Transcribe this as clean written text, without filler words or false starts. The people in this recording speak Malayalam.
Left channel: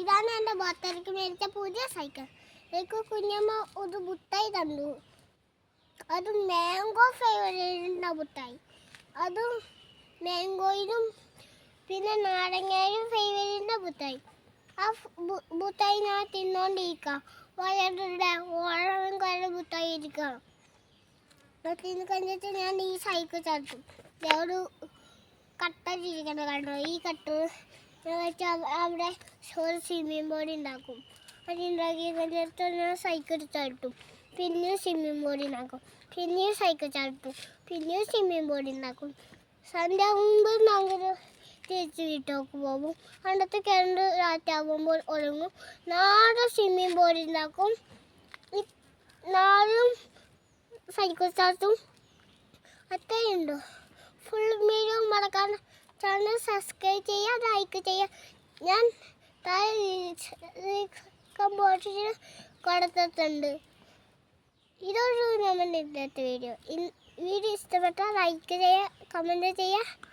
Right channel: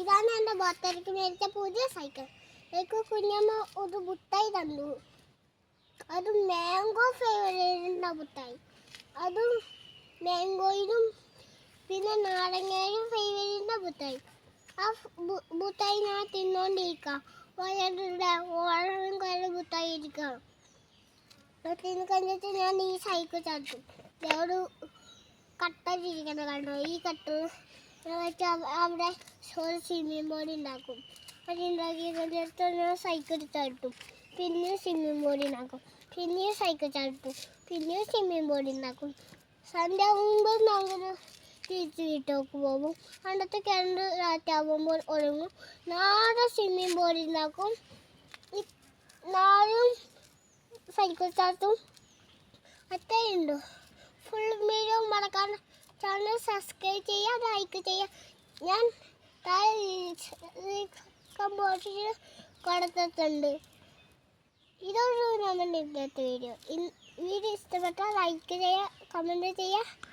ഇതാണ് എൻ്റെ ബർത്ത്ഡേക്ക് മേടിച്ച പുതിയ സൈക്കിൾ. എനിക്ക് കുഞ്ഞമ്മ ഒരു മുട്ടായി തന്നു. അത് മാംഗോ ഫ്ലേവറിൻ്റെ മുട്ടായി. അതും മാംഗോയിലും പിന്നെ നാരങ്ങയിലും ഫ്ലേവറിൻ്റെ മുട്ടായി. ആ മുട്ടായി ഞാൻ തിന്നോണ്ടിരിക്കാം. വയറുടെ ഓളം കല്ല് മുട്ടായി ഇരിക്കാം. തിന്ന് കഴിഞ്ഞിട്ട് ഞാൻ ഈ സൈക്കിൾ ചാട്ടും. ഒരു കട്ട ചിരിക്കണ കണ്ടോ? ഈ കട്ട് വെച്ചാൽ അവിടെ ഒരു സ്വിമ്മിങ് ബോർഡ് ഉണ്ടാക്കും. അതുണ്ടാക്കി കഴിഞ്ഞിട്ട് ഞാൻ സൈക്കിൾ ചാട്ടും. പിന്നെയും സ്വിമ്മിങ് ബോർഡ് ഉണ്ടാക്കും. പിന്നെയും സൈക്കിൾ ചാട്ടും. പിന്നെയും സ്വിമ്മിങ് ബോർഡ് ഉണ്ടാക്കും. സന്ധ്യ ആകുമ്പോൾ ഞങ്ങൾ തിരിച്ച് വീട്ടിലേക്ക് പോകും. അന്നത്തെ കിടന്ന് രാത്രിയാകുമ്പോൾ ഉറങ്ങും. നാളെ സ്വിമ്മിങ് ബോർഡ് ഉണ്ടാക്കും. നാളും സൈക്കിൾ ചാട്ടും. അത്രയുണ്ടോ? ഫുൾ വീഡിയോ മറക്കാൻ ചാനൽ സബ്സ്ക്രൈബ് ചെയ്യുക, ലൈക്ക് ചെയ്യുക. ഞാൻ ബോട്ടിൽ കൊടുത്തിട്ടുണ്ട്. ഇതൊരു നമ്മുടെ ഇന്നത്തെ വീഡിയോ. വീഡിയോ ഇഷ്ടപ്പെട്ടാൽ ലൈക്ക് ചെയ്യുക, കമൻറ്റ് ചെയ്യുക.